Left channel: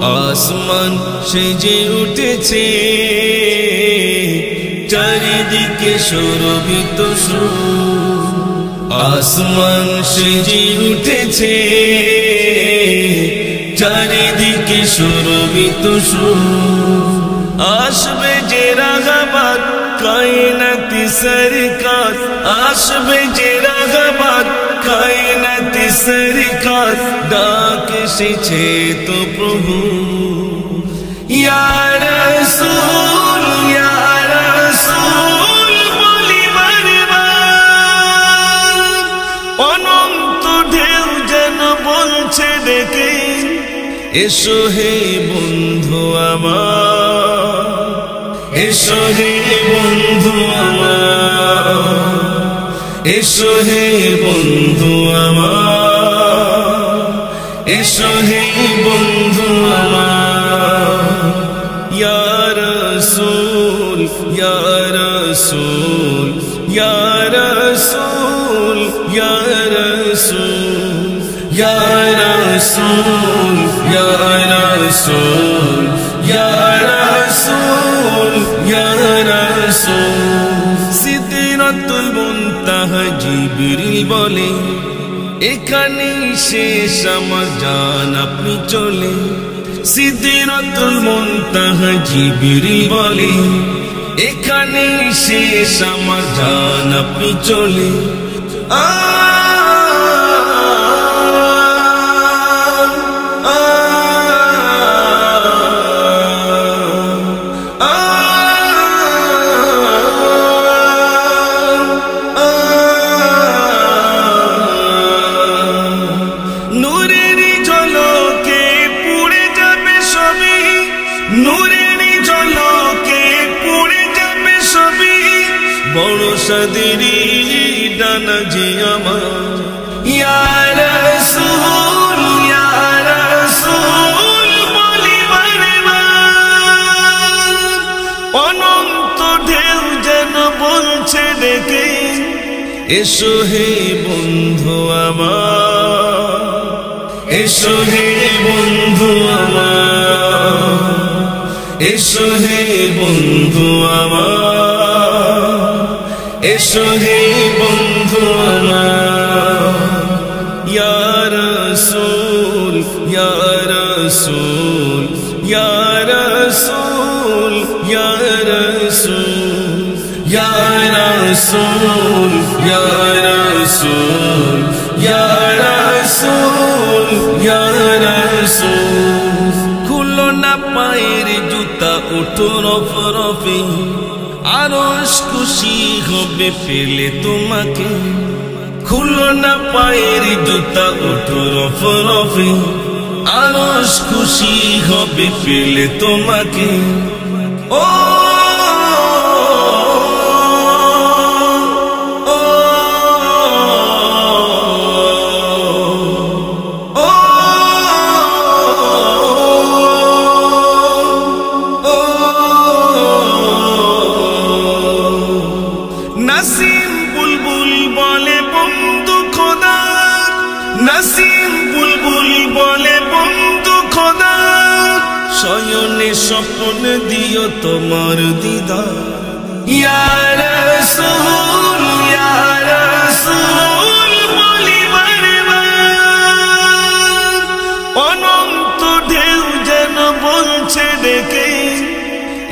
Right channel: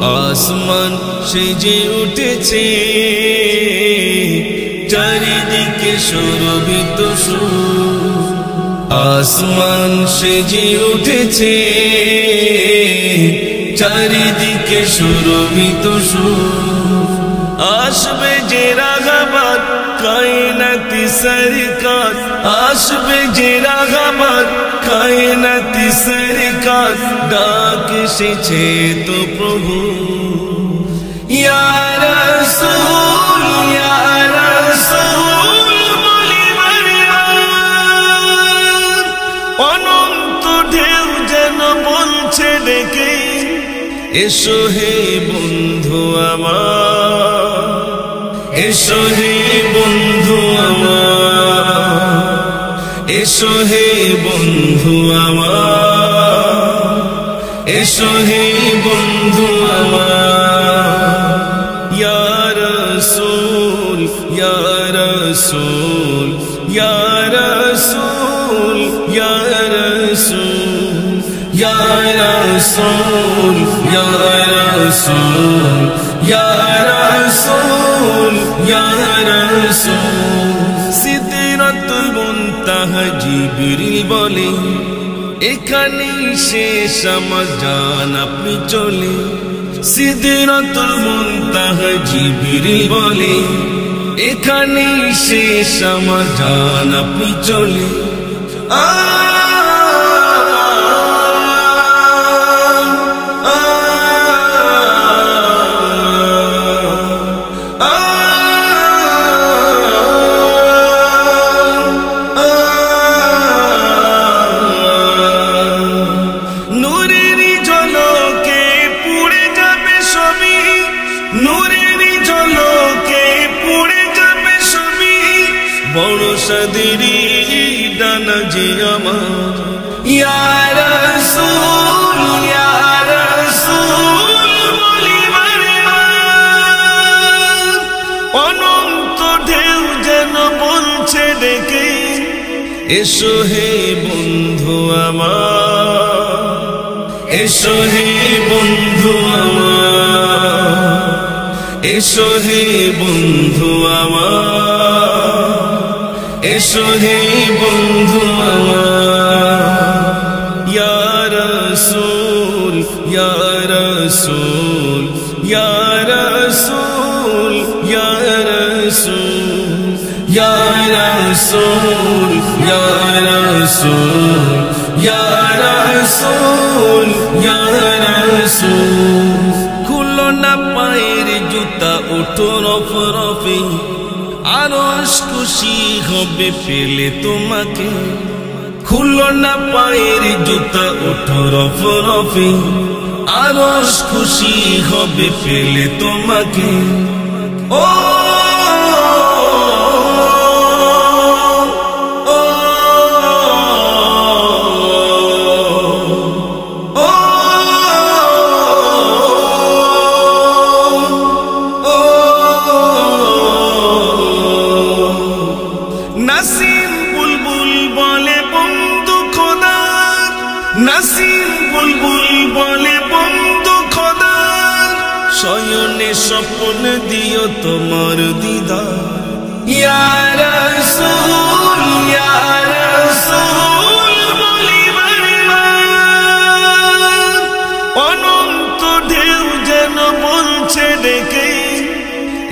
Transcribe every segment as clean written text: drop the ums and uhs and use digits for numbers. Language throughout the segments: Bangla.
আসমান সেজে উঠেছে চারিদিকে শোভিত সুর আসমান সেজে উঠেছে চারিদিকে শোভিত সুর আসবে যে রাগাবাদ কায়নাতি সরকার আসবে যে রাগাবাদ কায়নাতি সরকার ডাক এসেছে তো প্রভু ইয়া রাসূল বলি বারবার অনন্ত ঢেউ যেন বলছে ডেকে এসো হে বন্ধু আমার এসো হে বন্ধু আমার এসো হে বন্ধু আমার এসো হে বন্ধু আমার ইয়া রাসূল ইয়া রাসূল ইয়া রাসূল ইয়া রাসূল ইয়া রাসূল ইয়া রাসূল ইয়া রাসূল ইয়া রাসূল সিদরাতুল মুনতাহা জিবরিল বলে এখানেই শেষ আমার জান আপনি চলে সিদরাতুল মুনতাহা জিবরিল বলে এখানেই শেষ আমার জান আপনি চলে বড় সাদেরি ডানা যে আমার ইয়া রাসূল বলি বারবার অনন্ত ঢেউ যেন বলছে ডেকে এসো হে বন্ধু আমার এসো হে বন্ধু আমার এসো হে বন্ধু আমার এসো হে বন্ধু আমার ইয়া রাসূল ইয়া রাসূল ইয়া রাসূল ইয়া রাসূল ইয়া রাসূল ইয়া রাসূল ইয়া রাসূল ইয়া রাসূল খুলো না পায়ের জুতা ওঠো রফরফে আরশ খুশি হবে পেলে তোমাকে খুলো না পায়ের জুতা ওঠো রফরফে আরশ খুশি হবে পেলে তোমাকে ও নাসিম বুলবুল বলে বন্ধু খোদার নাসিম বুলবুল বলে বন্ধু খোদার শয়নে স্বপ্ন দিও তোমার দিদার ইয়া রাসূল বলি বারবার অনন্ত ঢেউ যেন বলছে ডেকে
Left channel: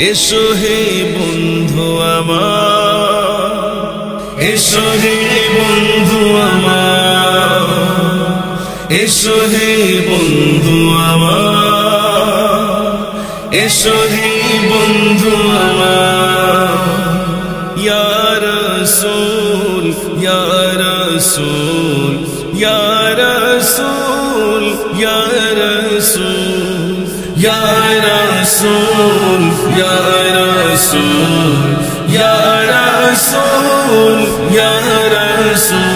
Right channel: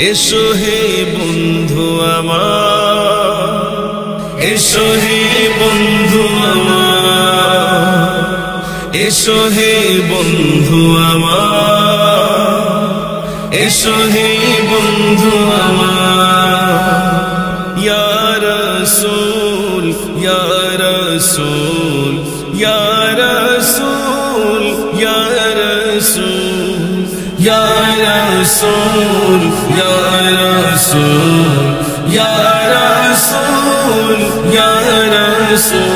এসো হে বন্ধু আমার এসো হে বন্ধু আমার এসো হে বন্ধু আমার এসো হে বন্ধু আমার ইয়া রাসূল ইয়া রাসূল ইয়া রাসূল ইয়া রাসূল ইয়া রাসূল ইয়া রাসূল ইয়া রাসূল ইয়া রাসূল